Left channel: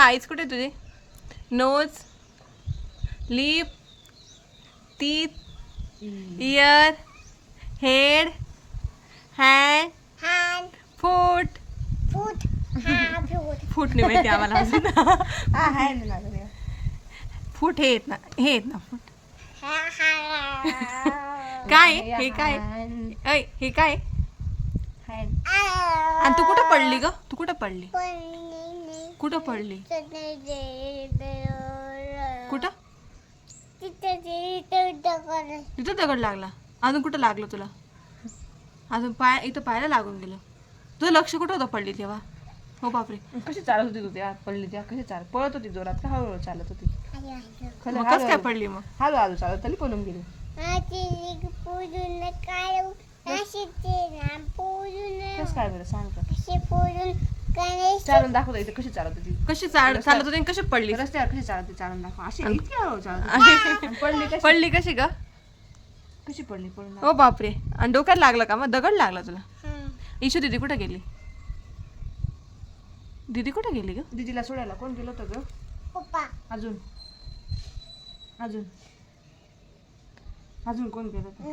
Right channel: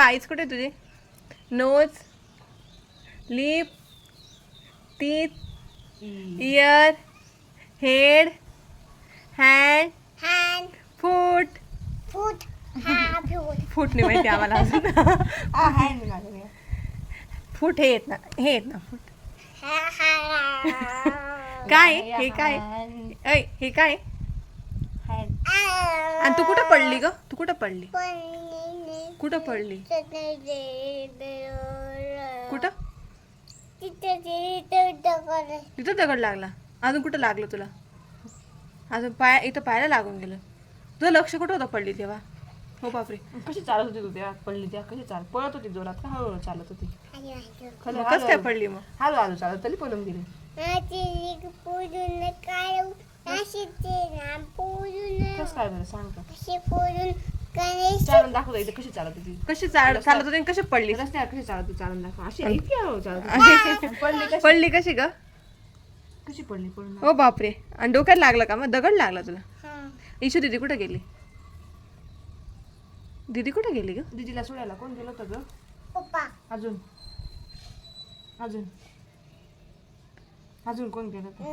Eyes कुठे तुझे? Nose, lip, teeth, ear, head, hand, foot. Foot नाही माहिती आम्हाला अजून. फूट हे येत ना फूट. काय हे काय? ऐ हे काय? आणि तू कुठं पडली ग? तू कुठं पडली? कुठं पडली? कुठं? तिथं दगड लागला. अजून कुठं लागलं तुला? अजून इथं पायाला लागून गेलं. तुझं लक्ष कुठं होतं पडली तेव्हा? हो बापरे. कशी चालत होती तू तेव्हा पडली तेव्हा? कशी पळत होती जोरात का हळूहळू चालत होती? मग कसं काय पडली मग? हळूहळू चालत तरी पळून गेली. कसं काय बरं सांग का? चालून दाखव इथे कशी चालत होती. कशी चालत होती आणि कशी पडली? रस्त्यावर कशी चालत होती चालून दाखव. अशी इतकी हळूहळू चालत होती. पडली कशी? पडली कशी ग? कशी पडली पळून? हो बापरे. आणि डोक्यात लागलं का? मग दगड लागला तुला? ईशू दीदी कुठे गेली? दीदी कुठे गेली ग? दीदीला सोडायला कोण गेलं होतं ग? पप्पा. अजून अजून अजून कोण गेलं होतं?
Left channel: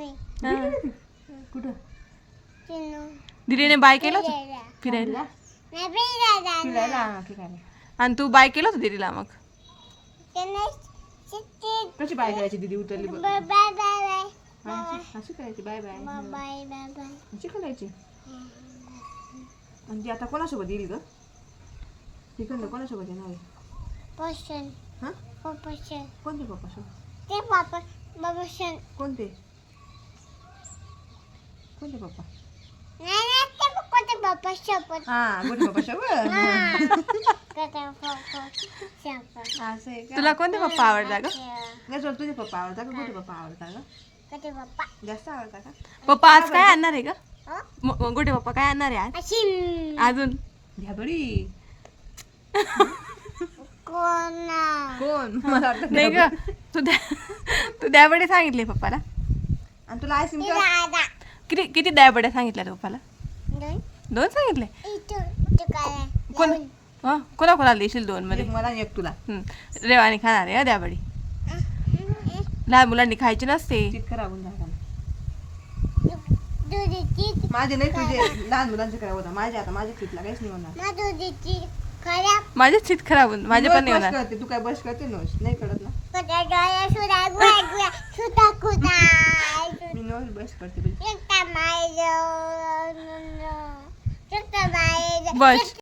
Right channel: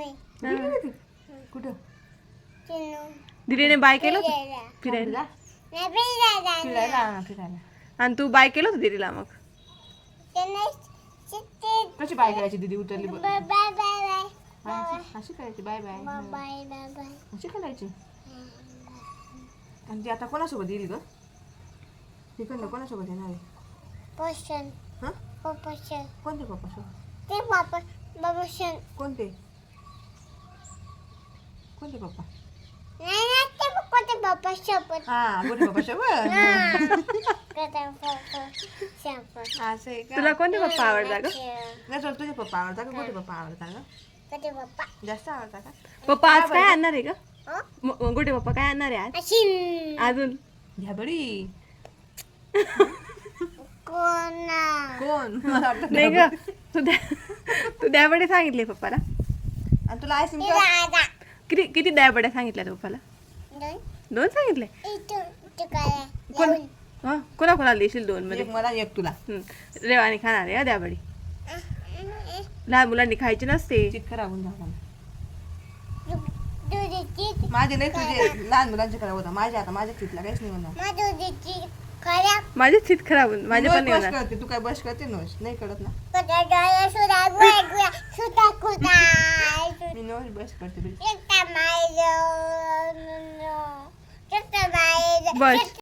कुठं? दीदीने बाय केलं होतं फिरायला? फिरायला. आणि तू बाय केलं होतं दीदीला मग? कशी बाय करायची? दीदी उतरली अशी करायची बाय बाय अशी करायची. आणि ती आता कोणासोबत येईल ग? तिकडनं कोणासोबत येणार आहे? हा? कोणते पप्पा सोबत? कोणते कोणते पप्पा? हा गोटे पप्पा सोबत. असं आहे का? तुला कोणते पप्पा आवडतात ग? नाही तुला तुझे पप्पा आवडतात का गोटे पप्पा आवडतात का? जास्त आवडतात का? पप्पा आज काय आणणार आहे का? गोटे पप्पा काय आणणार आहे आज? अजून घ्या बडी. कोण मला वाटतं नाही ग. तू द्याबडे सांगितले पप्पाला? आणि तुला आईस्क्रीम किती द्याबड्या सांगितल्या पप्पाला? 2 सांगितले. कोणाला देशील 2 मध्ये? मला एक तुला. रेवानी खाणार आहे द्याबडी. लहान मुलांनी खायची नसते. चित खराब होऊन झाला. माझे नाही तुझे लहान मुलांचे खराब होता. माझ्या आता माझ्या चितला काहीच नाही होणार. माझे चित खराब होऊन माझे पण नाही होणार. करते तू काय बस करते नोश नाही कळत ना. मी नोश बस करते. बस